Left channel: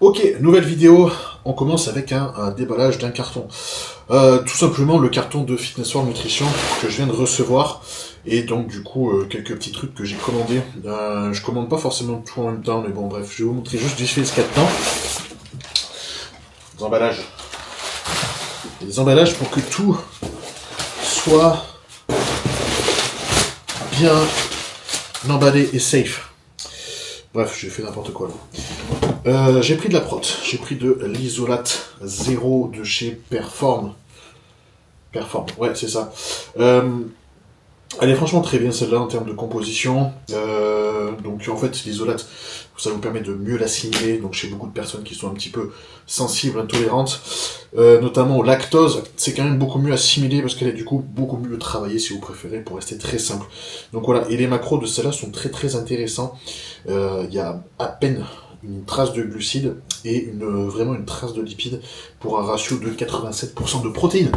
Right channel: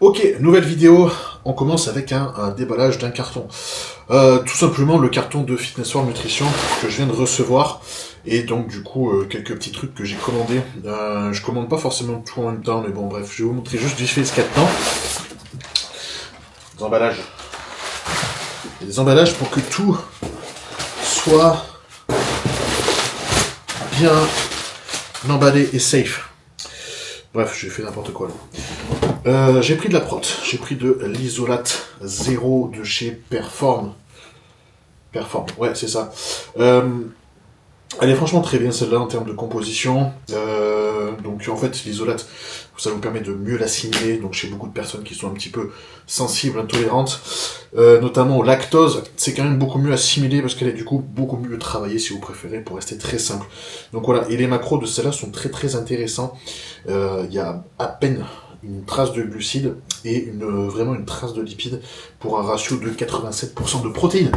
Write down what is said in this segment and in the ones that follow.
Ok, nouvelle vidéo, on commence avec un déballage d'un carton. Tout simplement le carton de Fitness World Nutrition que je viens de recevoir. Et donc du coup, quelques petits trucs que j'ai commandés. Je commande pas forcément tout en même temps, mais bon bref, je vais vous montrer juste vite fait ce qu'il y a dedans. Des emballages. Et des emballages pour que tout soit bien emballé et safe. Bref, j'ai fait n'importe quoi là. J'ai pris de la prot, j'ai pris de l'isolate 0 de chez Perform. Perform, ouais, c'est ça. Elle est franchement très bien celle-là en termes de composition. Donc en fait, l'isolate, ça vous permet de mieux l'assimiler. Donc chez beaucoup de personnes qui sont un petit peu sensibles, intolérantes, notamment au lactose, c'est quand même beaucoup mieux assimilé parce qu'elle est du coup beaucoup mieux travaillée si vous préférez pour rester très simple. Donc voilà, et les macros de celle-là sont très très intéressants. Il y a à peine une trace de glucides et vraiment une trace de lipides pour un ratio de 87% de protéines.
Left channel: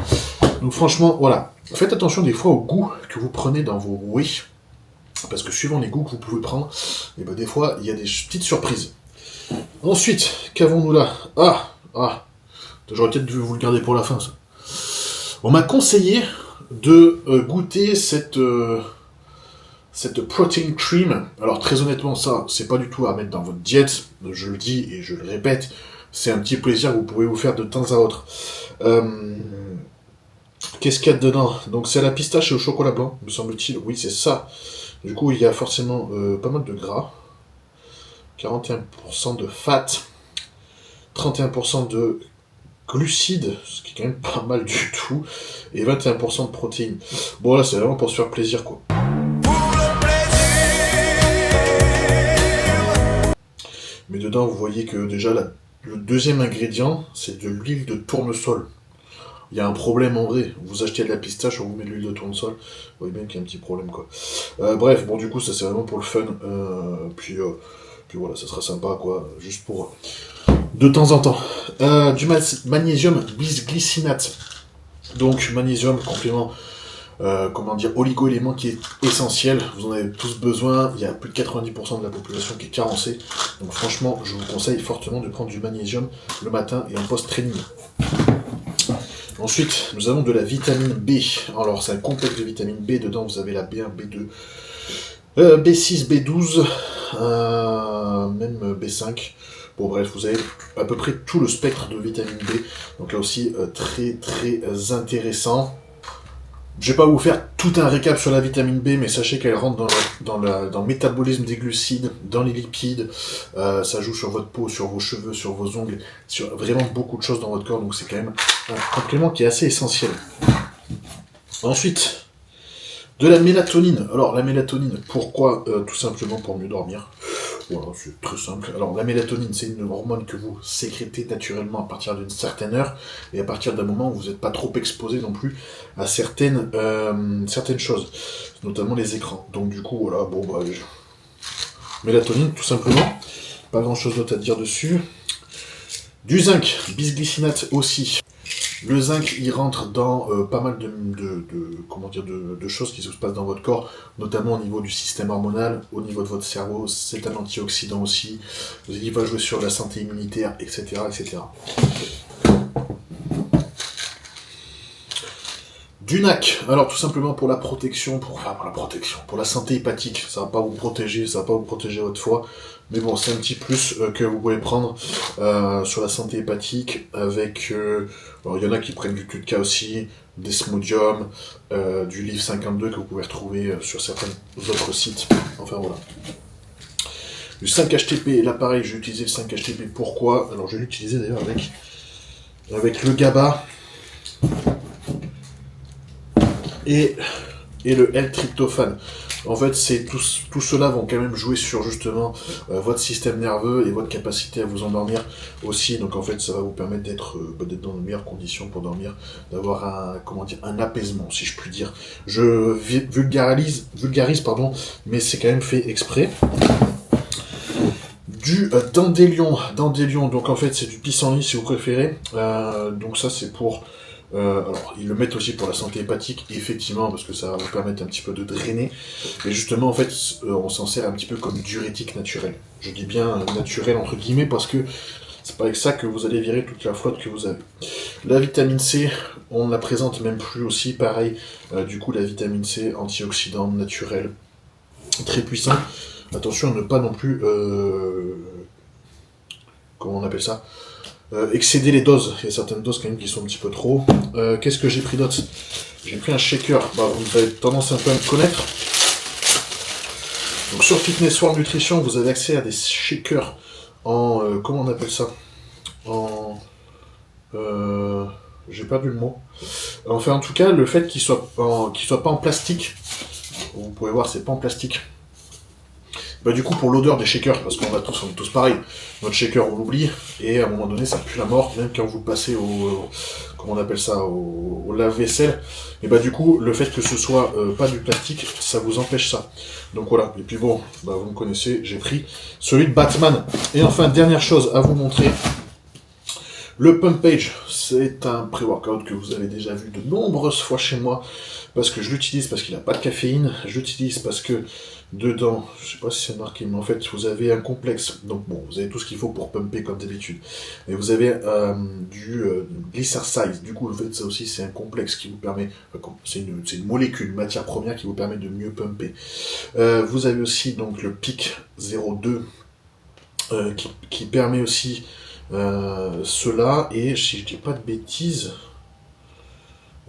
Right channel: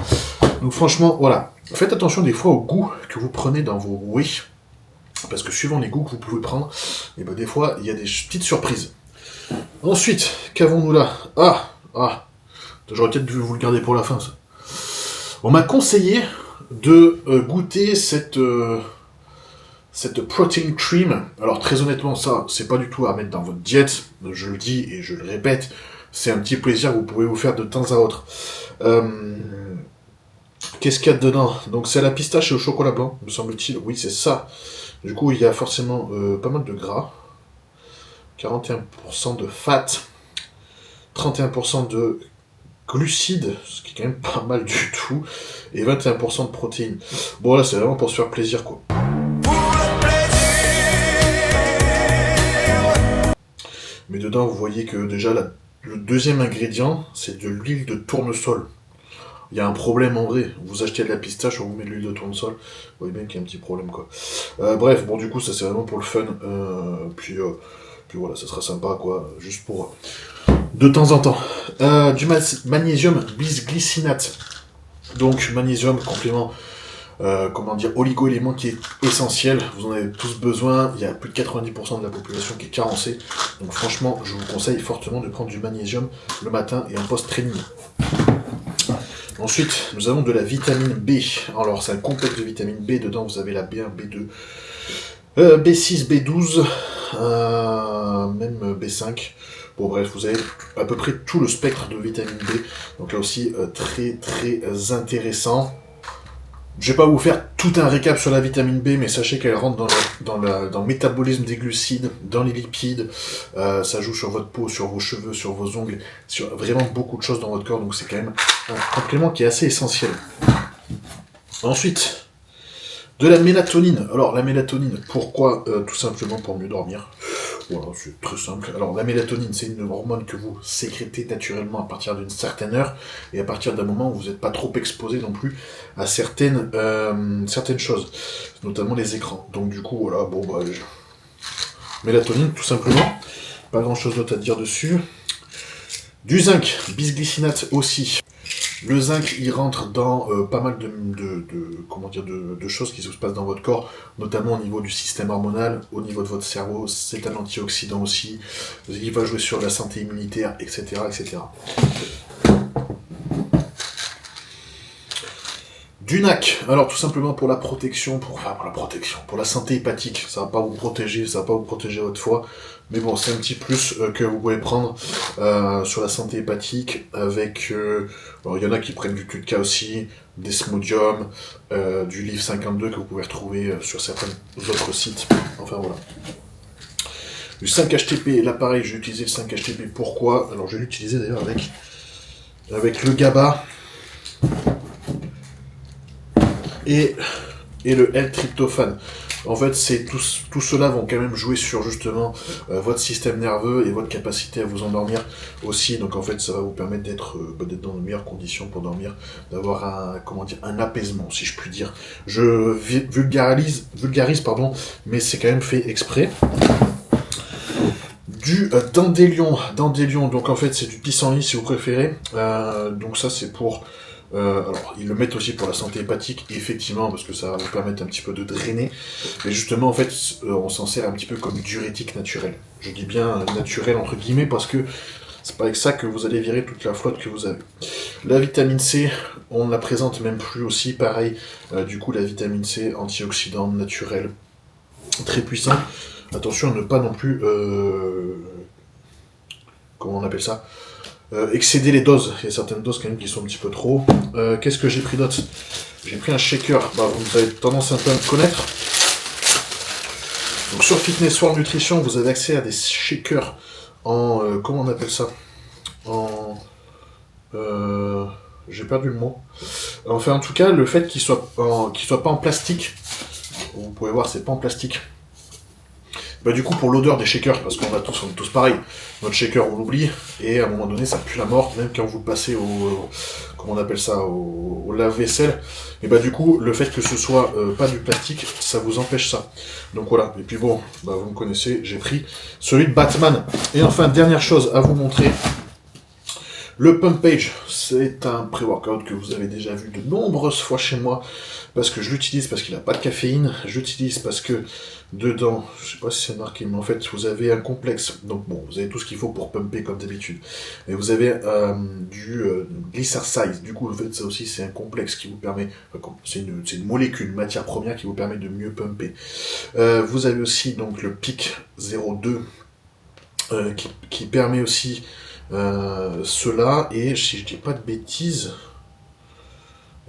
Donc franchement, voilà. Faites attention des fois au goût que vous prenez dans vos whey, parce que suivant les goûts que vous pouvez prendre, et ben des fois, il y a des petites surprises. Ensuite, qu'avons-nous là? J'aurais peut-être dû vous le garder pour la fin, ça. On m'a conseillé de goûter cette protein cream. Alors très honnêtement, ça, c'est pas du tout à mettre dans votre diète. Je le dis et je le répète, c'est un petit plaisir que vous pouvez vous faire de temps à autre. Qu'est-ce qu'il y a dedans? Donc c'est la pistache et au chocolat blanc, me semble-t-il. Oui, c'est ça. Du coup, il y a forcément pas mal de gras. 41% de fat. 31% de glucides, ce qui est quand même pas mal du tout. Et 21% de protéines. Bon là, c'est vraiment pour se faire plaisir, quoi. Mais dedans, vous voyez que déjà, le deuxième ingrédient, c'est de l'huile de tournesol. Il y a un problème en vrai. Vous achetez de la pistache, on vous met de l'huile de tournesol. Vous voyez bien qu'il y a un petit problème, quoi. Bref, bon, du coup, ça c'est vraiment pour le fun. Puis voilà, ça sera sympa, quoi. Juste pour de temps en temps. Du magnésium bisglycinate. Donc, magnésium, complément, oligo-élément qui est essentiel. Vous en avez tous besoin. Il y a plus de 90% de la population qui est carencée. Donc, franchement, je vous conseille fortement de prendre du magnésium le matin et en post-training. Ensuite, nous avons de la vitamine B. Alors, c'est un complexe de vitamine B. Dedans, vous avez la B1, B2, B6, B12, même B5. Bon, bref, vous avez à peu près tout le spectre de vitamine B. Donc là aussi, très, très intéressant. Je vais pas vous faire tout un récap sur la vitamine B, mais sachez qu'elle rentre dans le métabolisme des glucides, dans les lipides. Ça joue sur votre peau, sur vos cheveux, sur vos ongles, sur vraiment beaucoup de choses dans votre corps. Donc c'est quand même un complément qui est assez essentiel. Ensuite, de la mélatonine. Alors la mélatonine, pourquoi? Tout simplement pour mieux dormir. Voilà, c'est très simple. Alors la mélatonine, c'est une hormone que vous sécrétez naturellement à partir d'une certaine heure et à partir d'un moment où vous n'êtes pas trop exposé non plus à certaines choses, notamment les écrans. Donc du coup, voilà, bon bah, mélatonine, tout simplement. Pas grand chose d'autre à dire dessus. Du zinc, bisglycinate aussi. Le zinc, il rentre dans pas mal de choses qui se passent dans votre corps, notamment au niveau du système hormonal, au niveau de votre cerveau. C'est un antioxydant aussi. Il va jouer sur la santé immunitaire, etc., etc. Du NAC, alors tout simplement pour la protection, pour la santé hépatique. Ça va pas vous protéger, ça va pas vous protéger votre foie, mais bon, c'est un petit plus que vous pouvez prendre sur la santé hépatique avec. Alors il y en a qui prennent du TUDCA aussi, des Smodium, du Livre 52 que vous pouvez retrouver sur certains autres sites. Enfin voilà. Du 5-HTP, là pareil, j'ai utilisé le 5-HTP. Pourquoi? Alors je vais l'utiliser d'ailleurs avec le GABA. Et le L-tryptophane. En fait, tout cela vont quand même jouer sur justement votre système nerveux et votre capacité à vous endormir aussi. Donc en fait, ça va vous permettre d'être dans de meilleures conditions pour dormir, d'avoir un apaisement, si je puis dire. Je vulgarise, mais c'est quand même fait exprès. Du dandelion, donc en fait c'est du pissenlit si vous préférez. Donc ça c'est pour alors, ils le mettent aussi pour la santé hépatique, effectivement, parce que ça va vous permettre un petit peu de drainer. Mais justement, en fait, on s'en sert un petit peu comme diurétique naturel. Je dis bien naturel entre guillemets parce que C'est pas avec ça que vous allez virer toute la flotte que vous avez. La vitamine C, on ne la présente même plus aussi, pareil. Du coup, la vitamine C, antioxydant naturel, très puissant. Attention à ne pas non plus... comment on appelle ça, excéder les doses. Il y a certaines doses quand même qui sont un petit peu trop. Qu'est-ce que j'ai pris d'autre? J'ai pris un shaker. Vous avez tendance un peu à me connaître. Donc sur Fitness World Nutrition, vous avez accès à des shakers en... comment on appelle ça? En... j'ai perdu le mot. Enfin, en tout cas, le fait qu'il soit pas en plastique, vous pouvez voir, c'est pas en plastique. Du coup, pour l'odeur des shakers, parce qu'on est tous pareil, notre shaker on l'oublie, et à un moment donné ça pue la mort, même quand vous le passez comment on appelle ça, au lave-vaisselle, et du coup, le fait que ce soit pas du plastique, ça vous empêche ça. Donc voilà, et puis bon, vous me connaissez, j'ai pris celui de Batman. Et enfin, dernière chose à vous montrer, le Pump Page, c'est un pré-workout que vous avez déjà vu de nombreuses fois chez moi, parce que je l'utilise parce qu'il n'a pas de caféine, je l'utilise parce que dedans, je sais pas si c'est marqué, mais en fait, vous avez un complexe. Donc bon, vous avez tout ce qu'il faut pour pumper comme d'habitude. Et vous avez du glycersize. Du coup, en fait, ça aussi, c'est un complexe qui vous permet... c'est une molécule, une matière première qui vous permet de mieux pumper. Vous avez aussi donc le PIC 02 qui permet aussi cela. Et si je dis pas de bêtises...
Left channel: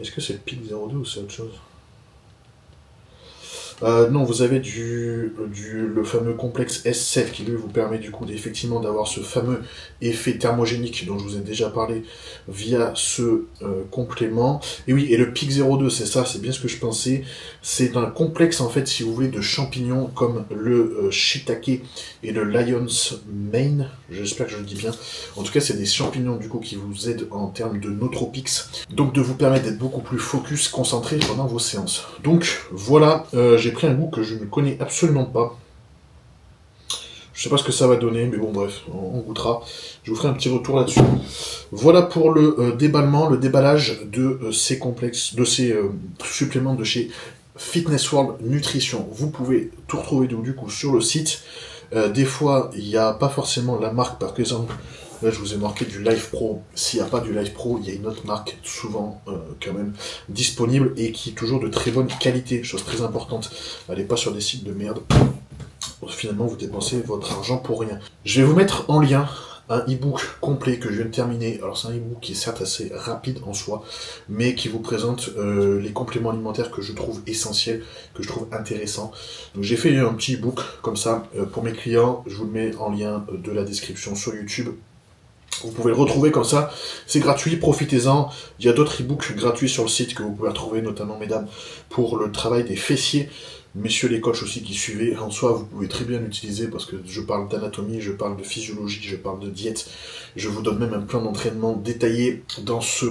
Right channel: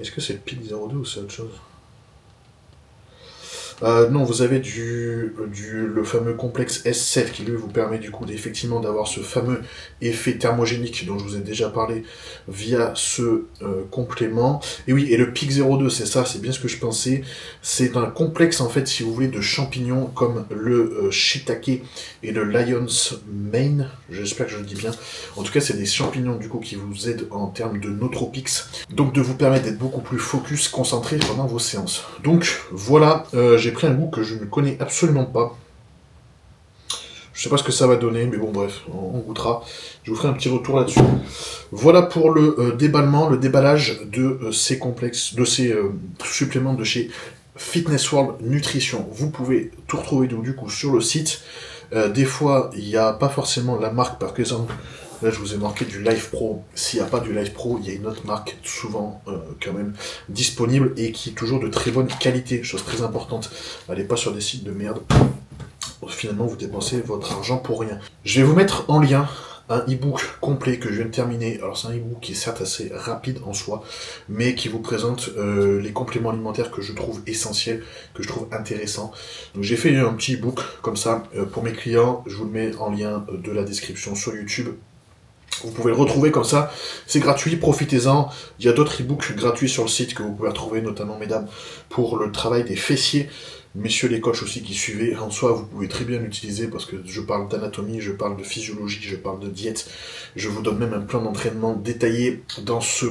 Est-ce que c'est le PIC 02 ou c'est autre chose? Non, vous avez le fameux complexe S7 qui lui vous permet du coup effectivement d'avoir ce fameux effet thermogénique dont je vous ai déjà parlé via ce complément. Et oui, et le PIC 02, c'est ça, c'est bien ce que je pensais. C'est un complexe en fait, si vous voulez, de champignons comme le shiitake et le lion's mane. J'espère que je le dis bien. En tout cas, c'est des champignons du coup qui vous aident en termes de nootropics, donc de vous permettre d'être beaucoup plus focus, concentré pendant vos séances. Donc voilà, j'ai pris un goût que je ne connais absolument pas. Je sais pas ce que ça va donner, mais bon bref, on goûtera. Je vous ferai un petit retour là-dessus. Voilà pour le déballement, le déballage de ces complexes, de ces suppléments de chez Fitness World Nutrition. Vous pouvez tout retrouver donc, du coup sur le site. Des fois, il n'y a pas forcément la marque, par exemple. Là, je vous ai marqué du Life Pro. S'il n'y a pas du Life Pro, il y a une autre marque, souvent quand même disponible et qui est toujours de très bonne qualité. Chose très importante. Allez pas sur des sites de merde. Finalement, vous dépensez votre argent pour rien. Je vais vous mettre en lien un e-book complet que je viens de terminer. Alors, c'est un e-book qui est certes assez rapide en soi, mais qui vous présente les compléments alimentaires que je trouve essentiels, que je trouve intéressants. Donc, j'ai fait un petit e-book comme ça pour mes clients. Je vous le mets en lien de la description sur YouTube. Vous pouvez le retrouver comme ça, c'est gratuit, profitez-en. Il y a d'autres e-books gratuits sur le site que vous pouvez retrouver, notamment, mesdames, pour le travail des fessiers. Messieurs les coachs aussi qui suivez, en soi, vous pouvez très bien l'utiliser parce que je parle d'anatomie, je parle de physiologie, je parle de diète. Je vous donne même un plan d'entraînement détaillé dans ce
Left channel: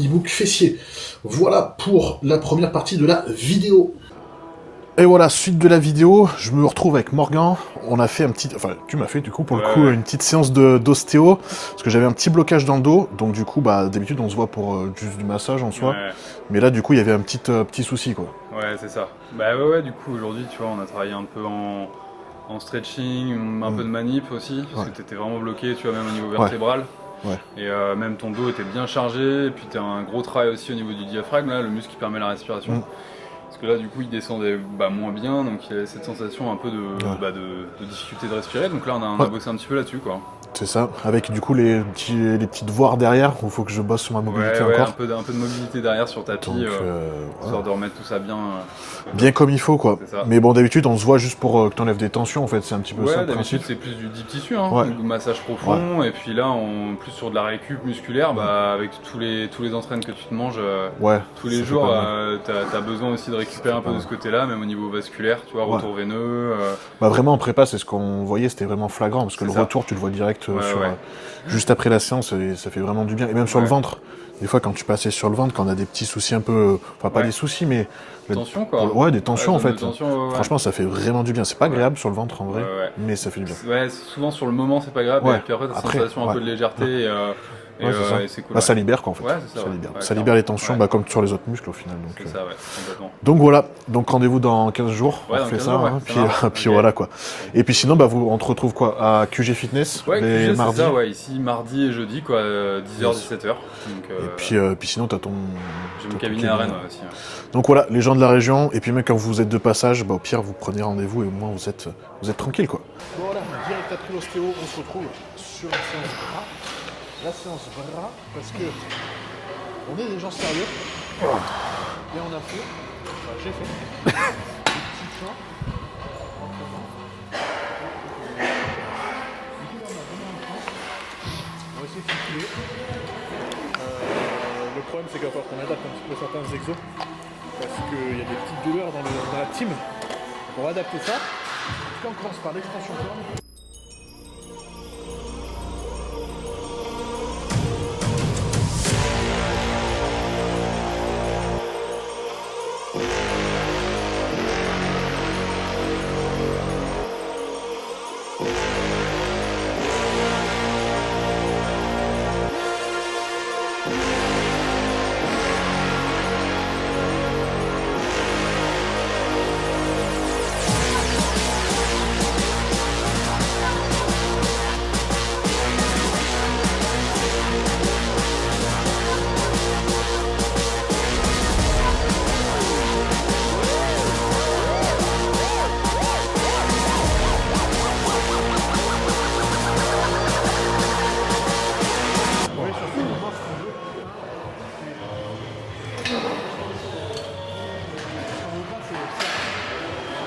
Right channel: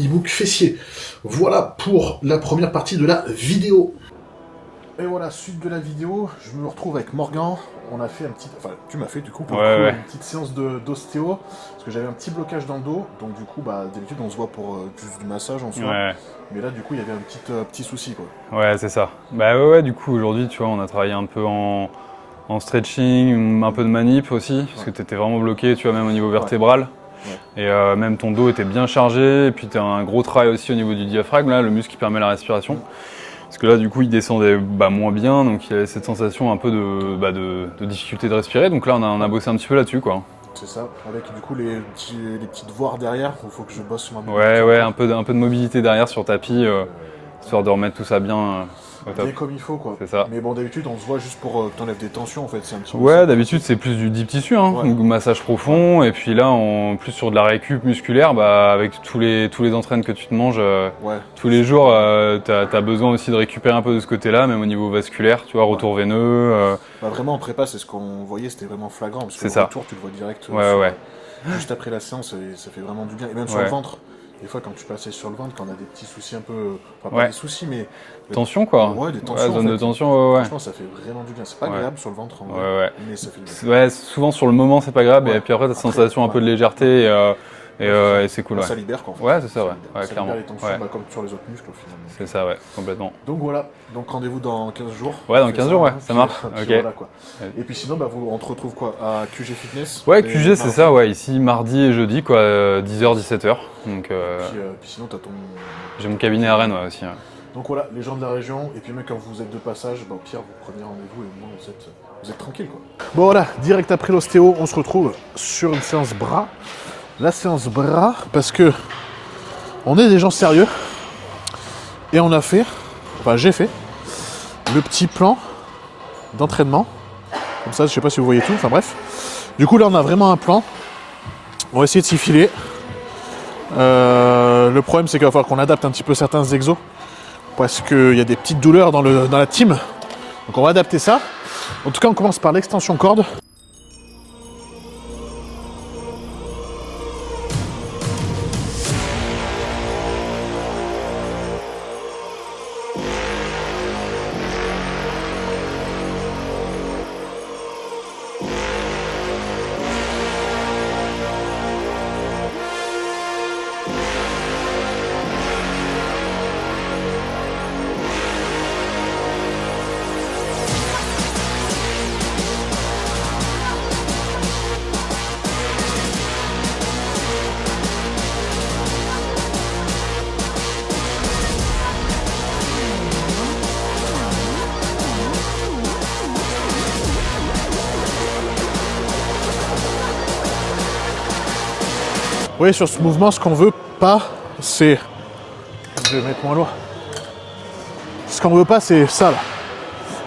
e-book fessier. Voilà pour la première partie de la vidéo. Et voilà, suite de la vidéo, je me retrouve avec Morgan. On a fait un petit... Enfin, tu m'as fait du coup, pour le coup, une petite séance d'ostéo. Parce que j'avais un petit blocage dans le dos. Donc du coup, d'habitude, on se voit pour juste du massage en soi. Ouais. Mais là, du coup, il y avait un petit souci, quoi. Ouais, c'est ça. Ouais, du coup, aujourd'hui, tu vois, on a travaillé un peu en stretching, un peu de manip aussi. Parce que tu étais vraiment bloqué, tu vois, même au niveau vertébral. Ouais. Et même ton dos était bien chargé. Et puis, tu as un gros travail aussi au niveau du diaphragme, là, le muscle qui permet la respiration. Parce que là, du coup, il descendait moins bien, donc il y avait cette sensation un peu de difficulté de respirer. Donc là, on a bossé un petit peu là-dessus, quoi. C'est ça, avec du coup les petites voies derrière, où il faut que je bosse sur ma mobilité. Ouais, un peu de mobilité derrière sur tapis, histoire de remettre tout ça bien. Bien comme il faut, quoi. C'est ça. Mais bon, d'habitude, on se voit juste pour que tu enlèves des tensions, en fait, c'est un petit peu ça. Ouais, d'habitude, c'est plus du deep tissu, massage profond, et puis là, plus sur de la récup musculaire, avec tous les entraînements que tu te manges tous les jours, t'as besoin aussi de récupérer un peu de ce côté-là, même au niveau vasculaire, tu vois, retour veineux. Vraiment, en prépa, c'est ce qu'on voyait, c'était vraiment flagrant, parce que le retour, tu le vois direct. Juste après la séance, ça fait vraiment du bien. Et même sur le ventre. Des fois, quand tu passais sur le ventre, quand on a des petits soucis un peu... Enfin, pas des soucis, mais... Tension, quoi. Ouais, des tensions, en fait. Tension, Franchement, ça fait vraiment du bien. C'est pas agréable sur le ventre, en vrai, mais ça fait du bien. Ouais, souvent, sur le moment, c'est pas grave. Et puis après, t'as cette sensation un peu de légèreté Et c'est cool. Ça libère quoi en fait. Ouais, c'est ça. Ça libère les tensions comme sur les autres muscles au final. C'est ça, ouais, complètement. Donc voilà, donc rendez-vous dans 15 jours. Ouais, dans 15 jours, ouais, ça marche. Puis voilà quoi. Et puis sinon, on te retrouve quoi à QG Fitness. Ouais, QG c'est ça, ouais, ici mardi et jeudi quoi, 10h, 17h. Donc, puis sinon, t'as ton. J'ai mon cabinet à Rennes aussi. Ouais. Donc voilà, les gens de la région, et puis même quand vous êtes de passage, au pire vous prenez rendez-vous et au moins vous êtes tranquille quoi. Bon voilà, direct après l'ostéo, on se retrouve sur une séance bras. La séance bras, parce que on est des gens sérieux et j'ai fait le petit plan d'entraînement. Comme ça, je sais pas si vous voyez tout, enfin bref. Du coup là on a vraiment un plan. On va essayer de s'y filer. Le problème c'est qu'il va falloir qu'on adapte un petit peu certains exos parce qu'il y a des petites douleurs dans la team. Donc on va adapter ça. En tout cas on commence par l'extension corde. Vous voyez sur ce mouvement, ce qu'on veut pas, c'est. Je vais mettre moins lourd. Ce qu'on veut pas, c'est ça là.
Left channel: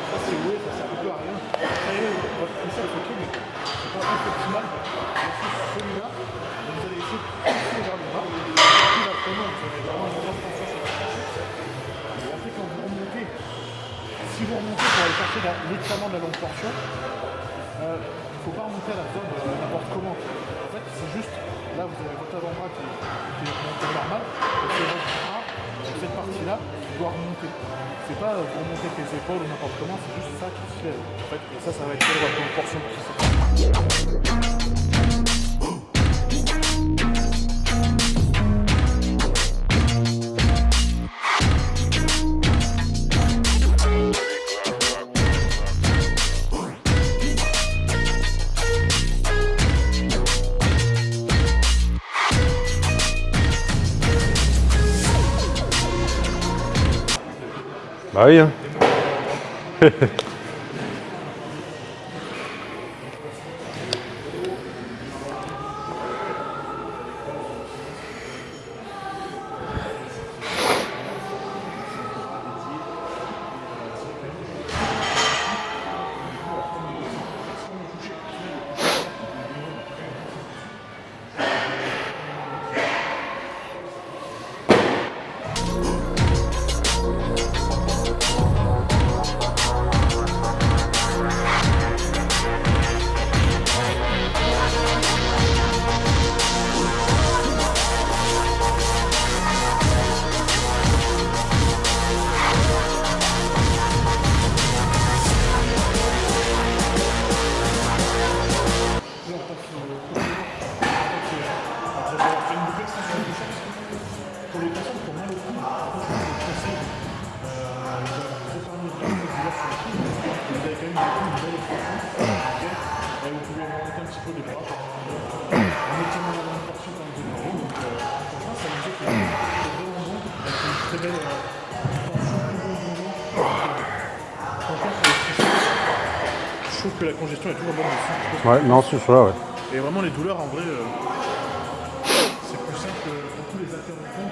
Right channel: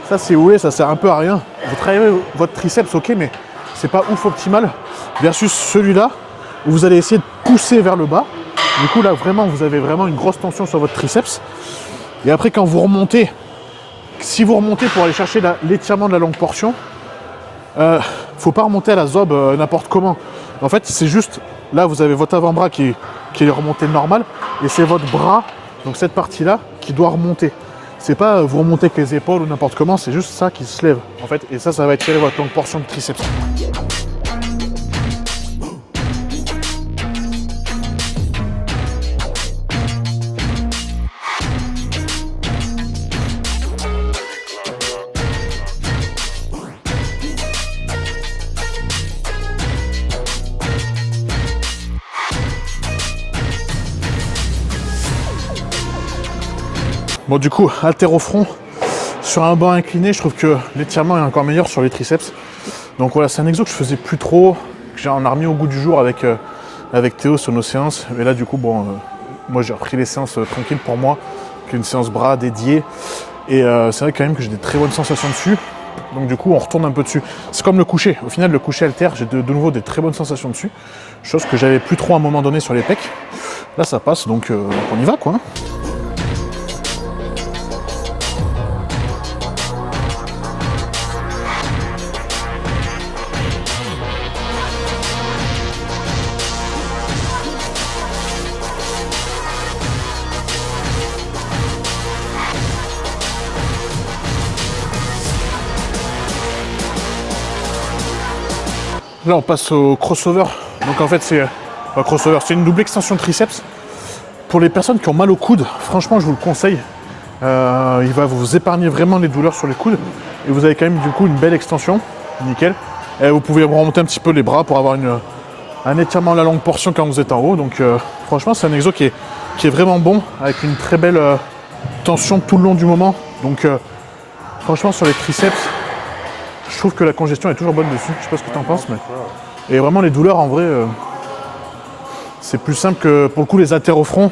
Ça, si vous voulez, ça sert un peu à rien. Vous travaillez votre triceps, ok, mais c'est pas ouf optimal. Versus celui-là, où vous allez essayer de pousser vers le bas. Du coup, là, vraiment, vous avez vraiment une grosse tension sur votre triceps. Et après, quand vous remontez, si vous remontez pour aller chercher l'étirement de la longue portion, faut pas remonter à la zob n'importe comment. En fait, c'est juste. Là, vous avez votre avant-bras qui est remonté normal, et c'est votre bras, donc cette partie-là, qui doit remonter. C'est pas vous remontez avec les épaules ou n'importe comment, c'est juste ça qui se lève, en fait, et ça va étirer votre longue portion de triceps. Bon du coup, haltéro-front, sur un banc incliné, je trouve que l'étirement est encore meilleur sur les triceps. Donc voilà, c'est un exo que je faisais plus trop, que on a remis au goût du jour avec Théo sur nos séances. Et là du coup, moi j'ai repris les séances tranquilles pour moi, qu'une séance bras dédiée. Et c'est vrai quand même que j'ai des très bonnes sensations dessus. Donc du coup, on retourne un peu dessus. C'est comme le coucher. Au final, le coucher haltère, j'ai de nouveau des très bonnes sensations dessus. Chose que j'avais plus trop à un moment donné sur les pecs. Là ça passe, donc on y va quoi. Là on passe au crossover. Donc en fait c'est un crossover, c'est une double extension triceps. Pour les personnes qui ont mal au coude, franchement je vous le conseille. Il va vous épargner vraiment les douleurs sur les coudes. Et vous avez quand même du coup une belle extension. Nickel. Et vous pouvez remonter un petit peu les bras pour avoir un étirement de la longue portion quand vous êtes en haut. Donc franchement c'est un exo qui est vraiment bon, avec une très belle tension tout le long du moment. Donc franchement sur les triceps, je trouve que la congestion est toujours bonne dessus. Je sais pas ce que tu en penses. Et vraiment les douleurs en vrai, c'est plus simple que pour le coup les haltères au front.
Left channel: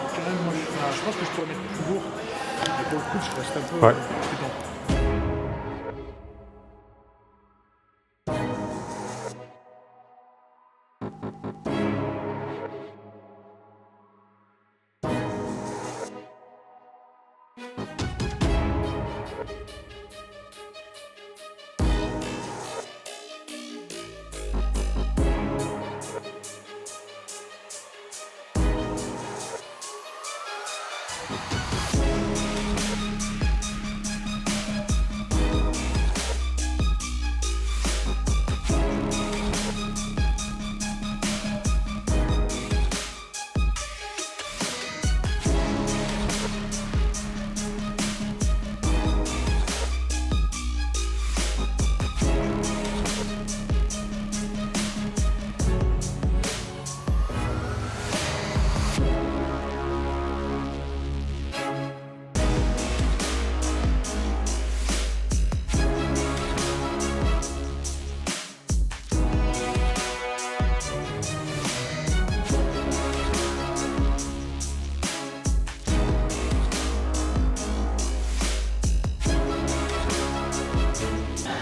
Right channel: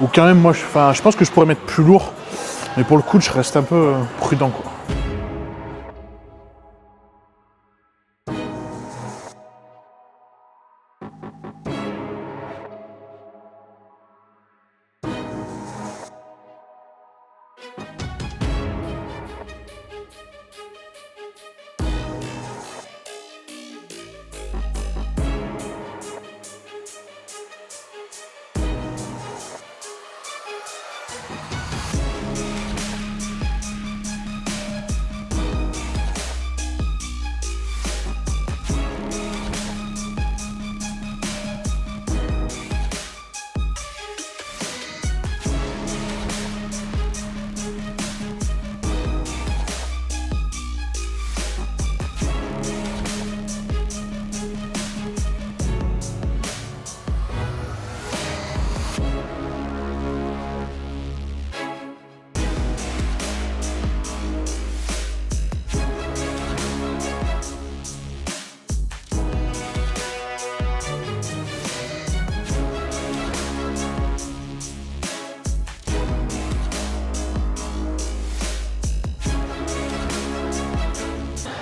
Ou quand même moi, je pense que je pourrais mettre plus lourd. Mais pour le coude, je reste un peu prudent quoi.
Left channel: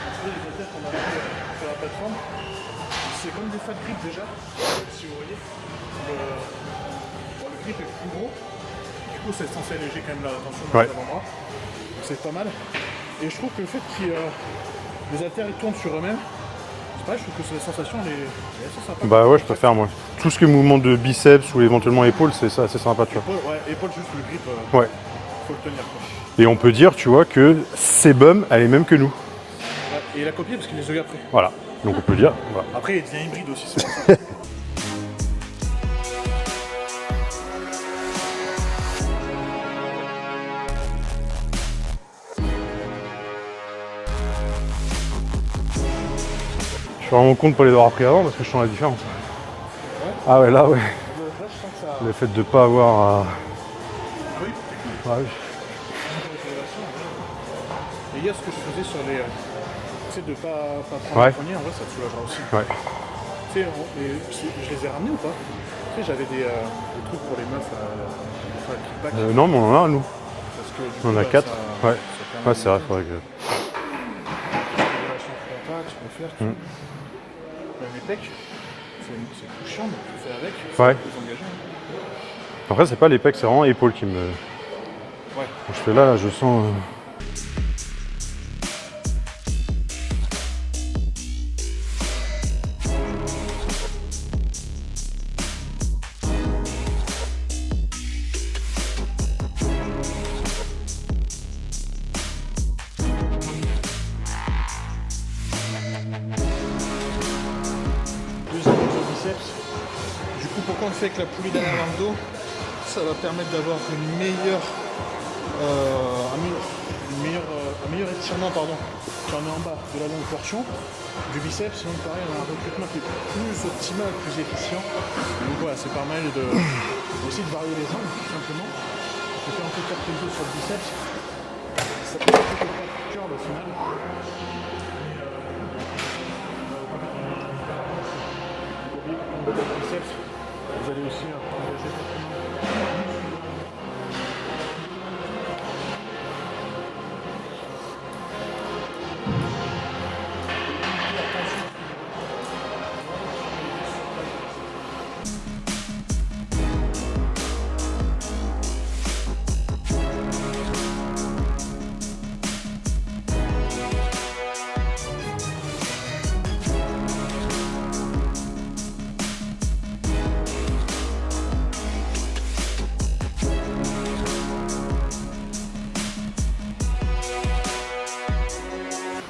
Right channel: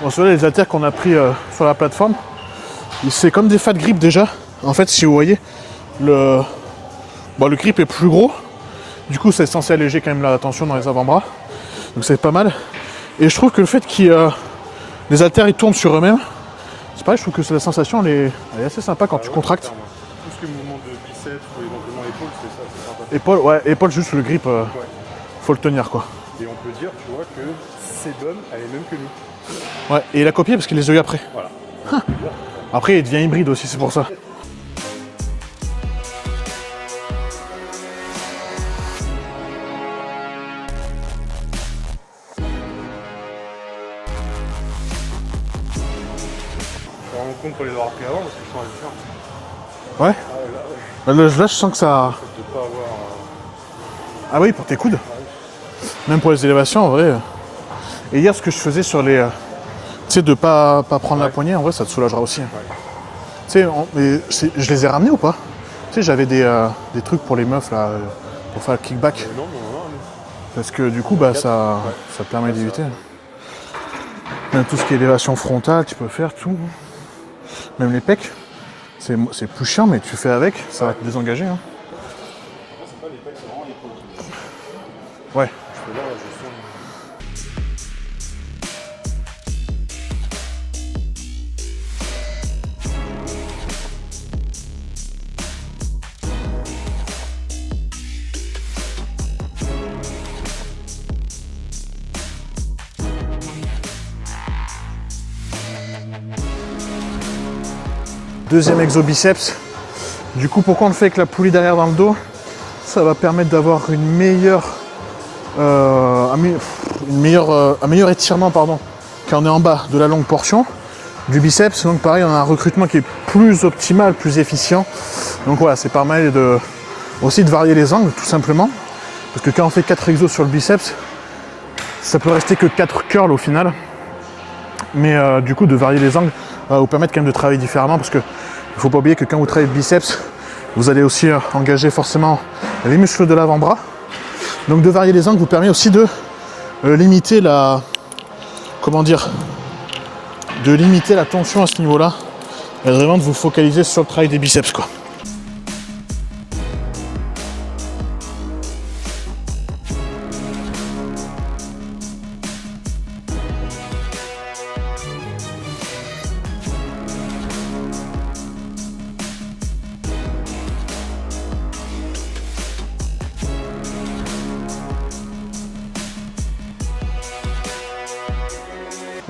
On se voit les haltères qu'on a pris sur la plateforme. C'est comme des fat grip déjà. En fait, si vous voyez, le grip est plus gros. Du coup, c'est censé alléger quand même la tension dans les avant-bras. Donc c'est pas mal. Et je trouve que le fait que les haltères ils tournent sur eux-mêmes, c'est pareil, je trouve que la sensation elle est assez sympa quand tu contractes. Moi. Tout ce qui est mouvement de biceps ou éventuellement épaules, c'est ça, c'est sympa. Épaule juste le grip, faut le tenir quoi. Et on peut dire, tu vois, que Sebum, elle est même que nous. Ouais, et il a copié parce qu'il les a eu après. Voilà, donc on peut dire. Voilà. Après, il devient hybride aussi, c'est pour ça. Je suis vraiment content pour les avoir pris avant parce que je sens la différence. Ouais. Ah ouais, là, ouais. Là, je sens que ça... Le fait de ne pas avoir à... Ah oui, pour tes coudes. Ah oui. Même pour les élévations, en vrai. Et hier, ce que je faisais sur les... tu sais, de pas prendre la poignée, en vrai, ça te soulagera aussi. Ouais. Tu sais, je les ai ramenés ou pas? Tu sais, j'avais des trucs pour les meufs, là, pour faire le kickback. Non, mais on en a, nous. Parce que du coup, ça permet d'éviter. Même tout ce qui est élévation frontale, tu peux le faire, tout. Même les pecs. C'est plus chiant, mais tu fais avec, ça va te désengager. Hein. Après, c'est pas les pecs, c'est vraiment l'épaule qui me... Ouais. Quand je fais là, je sens... Deuxième exo biceps. Du coup, pourquoi on le fait avec la poulie derrière dans le dos? Ça va permettre d'avoir un meilleur étirement quand on est en bas de la longue portion du biceps. Donc pareil, on a un recrutement qui est plus optimal, plus efficient. Donc voilà, c'est pas mal aussi de varier les angles tout simplement. Parce que quand on fait 4 exos sur le biceps, ça peut rester que 4 curls au final. Mais du coup, de varier les angles va vous permettre quand même de travailler différemment parce que il ne faut pas oublier que quand vous travaillez le biceps, vous allez aussi engager forcément les muscles de l'avant-bras. Donc de varier les angles vous permet aussi de limiter la tension à ce niveau-là et vraiment de vous focaliser sur le travail des biceps quoi.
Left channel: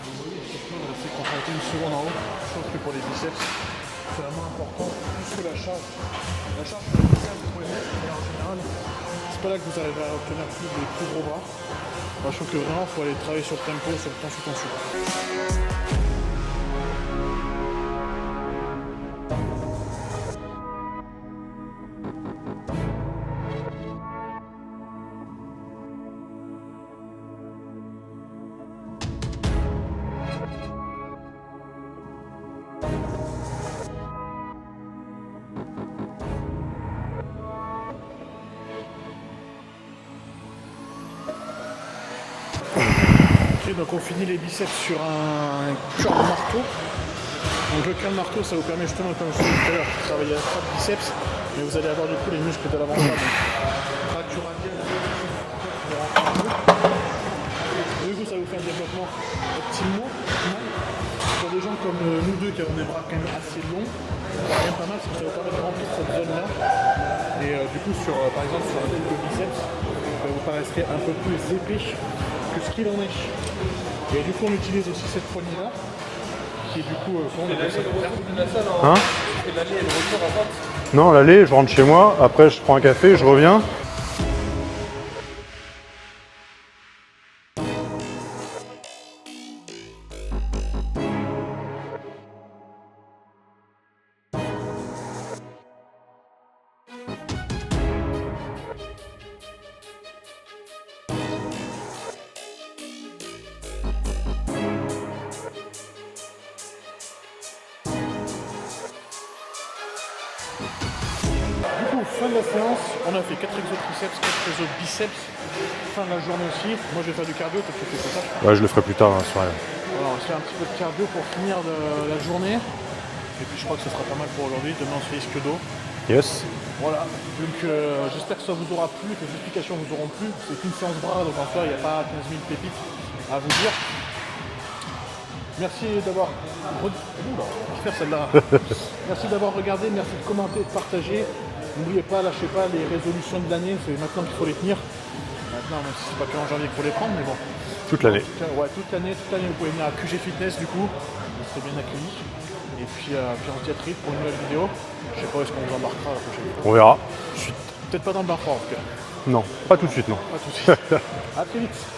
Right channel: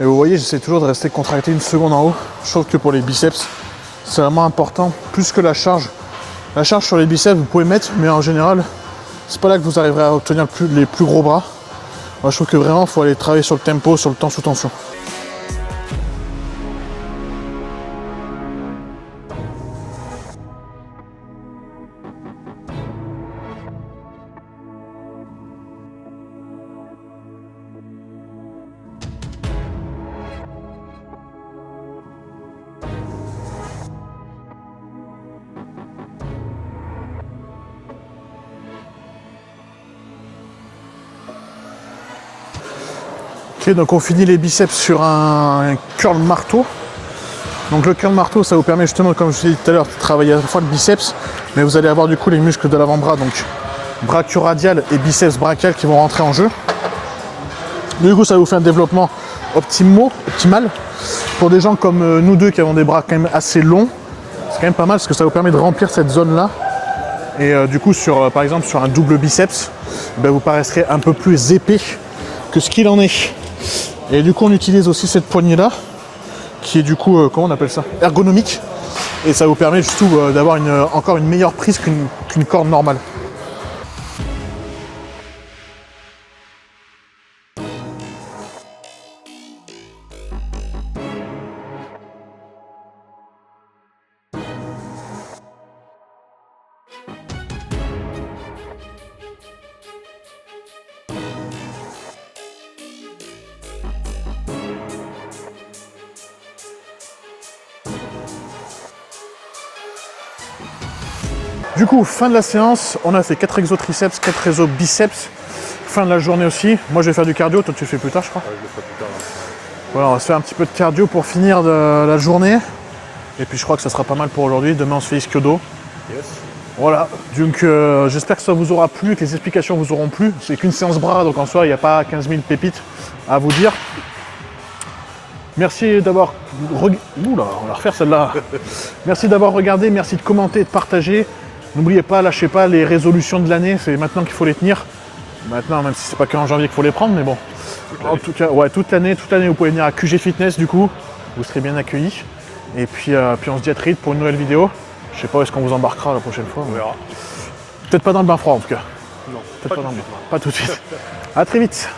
Et vous voyez, j'essaie toujours de rester contracté une seconde en haut. Je trouve que pour les biceps, c'est vraiment important, plus que la charge. La charge sur les biceps, vous pouvez mettre, mais en général, c'est pas là que vous arriverez à obtenir les plus gros bras. Moi, je trouve que vraiment, il faut aller travailler sur le tempo, sur le temps sous tension. Ok, donc on finit les biceps sur un curl marteau. Donc le curl marteau, ça vous permet justement, comme je l'ai dit tout à l'heure, de travailler à la fois le biceps, mais vous allez avoir du coup les muscles de l'avant-bras, donc brachioradial et biceps brachial qui vont rentrer en jeu. Du coup, ça vous fait un développement optimal. Pour des gens comme nous deux qui avons des bras quand même assez longs, c'est quand même pas mal parce que ça vous permet de remplir cette zone-là. Et du coup, par exemple, sur un double biceps, vous paraîtrez un peu plus épais que ce qu'il en est. Et du coup, on utilise aussi cette poignée-là, qui est du coup, comment on appelle ça? Ergonomique. Hein, et ça vous permet surtout d'avoir encore une meilleure prise chez moi, après je prends un café, je reviens. Du coup, fin de la séance, on a fait 4 exos triceps, 4 exos biceps. Fin de la journée aussi. Moi, je vais faire du cardio, toi tu le fais plus tard, je crois. Ouais, je le ferai plus tard, hein, Voilà, on va se faire un petit peu de cardio pour finir de la journée. Et puis je crois que ça sera pas mal pour aujourd'hui. Demain on se fait ischio-dos. Yes. Voilà, donc j'espère que ça vous aura plu, que les explications vous auront plu. C'est qu'une séance bras, donc en soi il n'y a pas 15 000 pépites à vous dire. Merci d'avoir... Oula, on va refaire celle-là. Merci d'avoir regardé, merci de commenter, de partager. N'oubliez pas, lâchez pas les résolutions de l'année, c'est maintenant qu'il faut les tenir. Maintenant, même si c'est pas qu'en janvier qu'il faut les prendre, mais bon. Toute l'année. En tout cas, ouais, toute l'année, vous pouvez venir à QG Fitness du coup. Vous serez bien accueillis. Et puis on se dit à très vite pour une nouvelle vidéo. Je sais pas où est-ce qu'on vous embarquera la prochaine fois. On verra. Peut-être pas dans le bain froid en tout cas. Non, Peut-être pas dans tout de le suite, bain. non. Pas tout de suite. À très vite.